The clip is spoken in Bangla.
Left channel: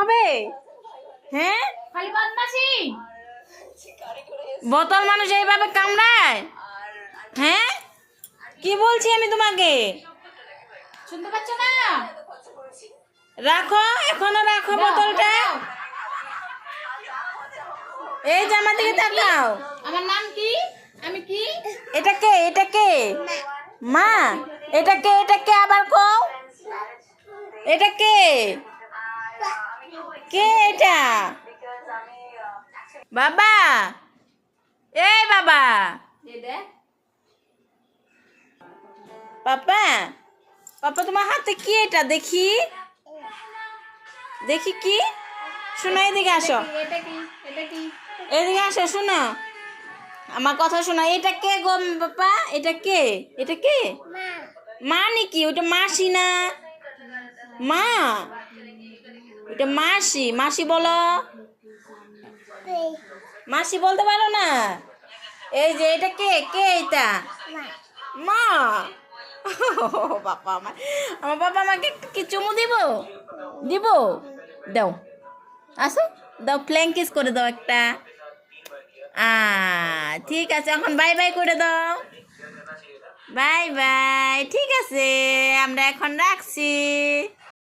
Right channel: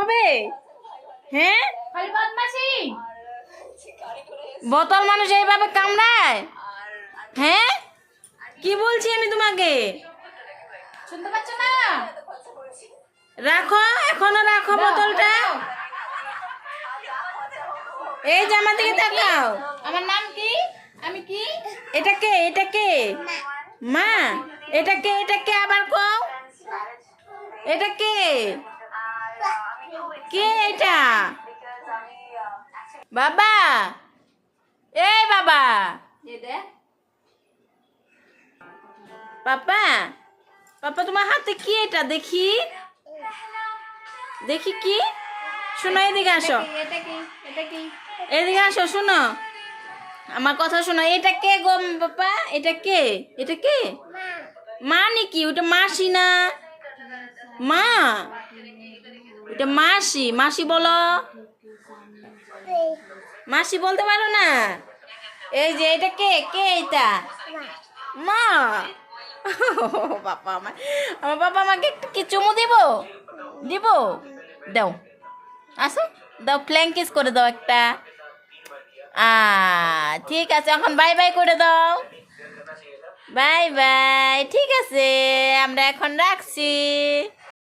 হবে? হ্যাঁ, বোতল মানুষ এইভাবে কামড়ায়? হ্যাঁ, কি বলছি আমি তোমাকে? শুনতে পাচ্ছ না? রাখো, এখনো রাখো বোতলটা। এই যে আমার দিকে তাকাও। আমার নাম কি? আমি কি? এটা কে? এটা কে? মা, এটা কে? এটা কে আবার কও? এটা কে? কে এটা? বাবা, এই বাবা, পাপা, পাপা তোমার হাতে কি এটা? দেখি, দেখি কি? শোনো, এদিকে আসো, এটা কি? এটা কি? এদিকে আসো, শোনো আমার কথা শোনো। এটা কে গো পাপা? এটা কে? এটা কে? মা নাকি? ওটা মাসি না? মা, ওটা মাসি। মাসি বলো। মাসি বলতে পারো না? এই যে এটা কে? কে এটা? মা। বাবা, আমার বাবা আমাকে কি চুমু দিব? দিব? দাও, আসো, দাও, ফ্ল্যাং কিস করে দাও একটা। ঠিক আছে, এখন বাই বাই করে দাও। বাই বাই, ঠিক আছে, আমরা এখন রাখছি।